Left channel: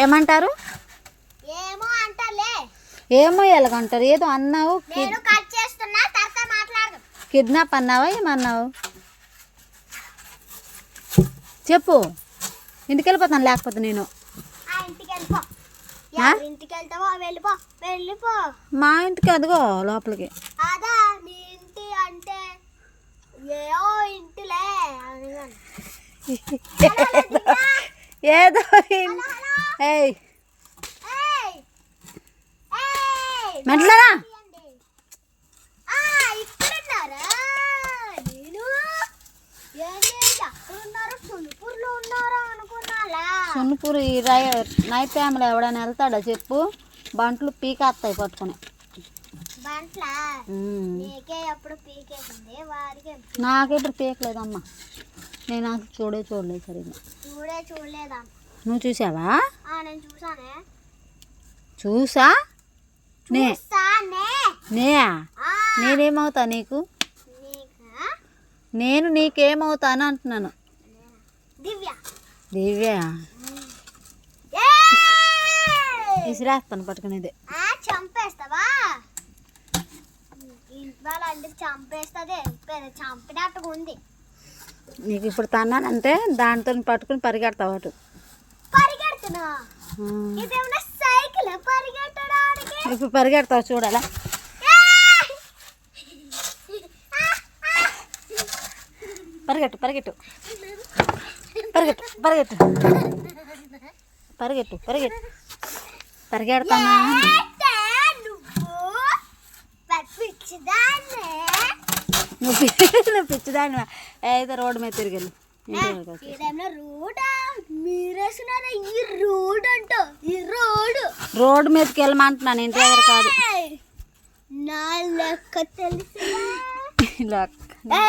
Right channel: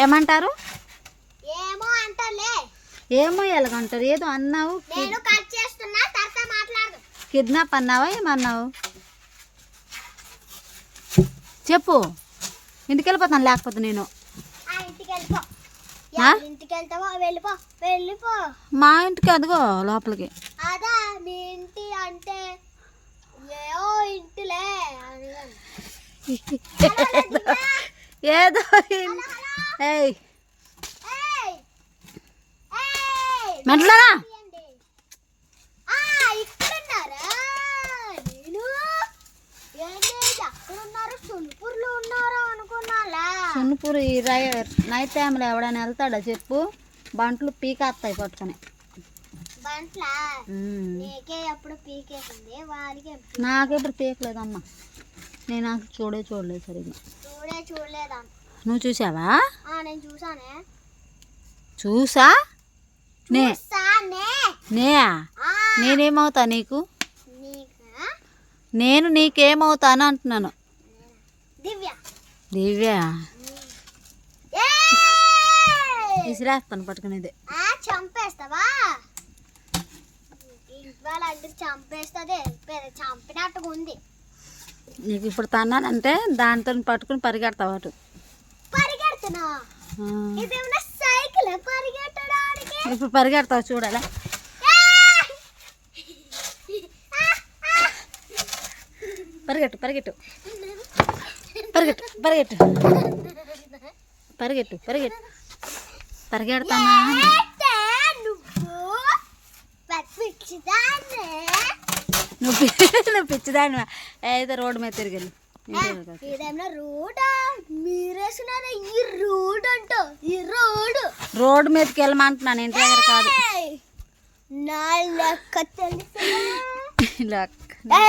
ఏమంటారు? ఏమో అంటారులే. ఏమో ఎలాగంటారు? ఏదో అన్నావు, నేను కట్ చేస్తున్నా, తర్వాత మాట్లాడు. కిడ్నాప్ అన్నావా? ఏమన్నావు చెప్పు. ఇంటికి వెళ్ళిపోతాను లేకపోతే నేను. ఇంటికి వెళ్ళిపో. ఇంటికి వెళ్తావో వెళ్ళిపో. వెళ్ళిపో మా ఇంటికి, అదిగో లోపలికి. అదా మీ ఇంటి అంటే ఏదో ఇంటిలే అడిగాను. ఏదో మెట్లరా ఇక్కడున్నారా? నేను ఎక్కడున్నారు? సున్పూర్లో ఉన్నారా అనుకున్నాలా. సున్పూర్ ఈ నైట్ టైంలో ఎవడైనా వెళ్తాడా చెప్పు? బంట్లు పీకేస్తాయి పట్టుకుని. బంట్ల నీకే ఎప్పుడు పీకేసింది, వాడికి నాకెప్పుడు పీకలేదమ్మా. నేను అసలు చూడలేదు సరిగ్గా. చూడలేదా? నువ్వు చూసావా? నేను చూసానే. చూసా నేనేమవుతా నీకు? నేను నీకేమవుతాను అంటున్నాను. దివ్య విసిరేస్తాను పట్టుకునేది. చంపేస్తావా? ఇవాళ అంటే చంపేస్తుంది. చంపినట్టుగా ఉంది. నీకు ఇప్పుడు తన్నానంటే దాంతో పట్టుకుని పరిగెడతావు అటు. పరిగెడుతున్నా? ఇదేమన్నా సైకిల్ పరిగెట్టడానికి? ఇప్పుడు పరిగెడతావు చూడాలా? పరిగెట్టు పరిగెట్టు పరిగెట్టు పరిగెట్టు పరిగెట్టు పరిగెట్టు పరిగెడతానా? నువ్వు పిచ్చిదాన్ని అయితే రోడ్డు మీద తిరిగి రోడ్డు మీదకి వెళ్ళమంటున్నాను, ఇంటి దగ్గర కాదు. నా లెక్క తెలుసు. లెక్క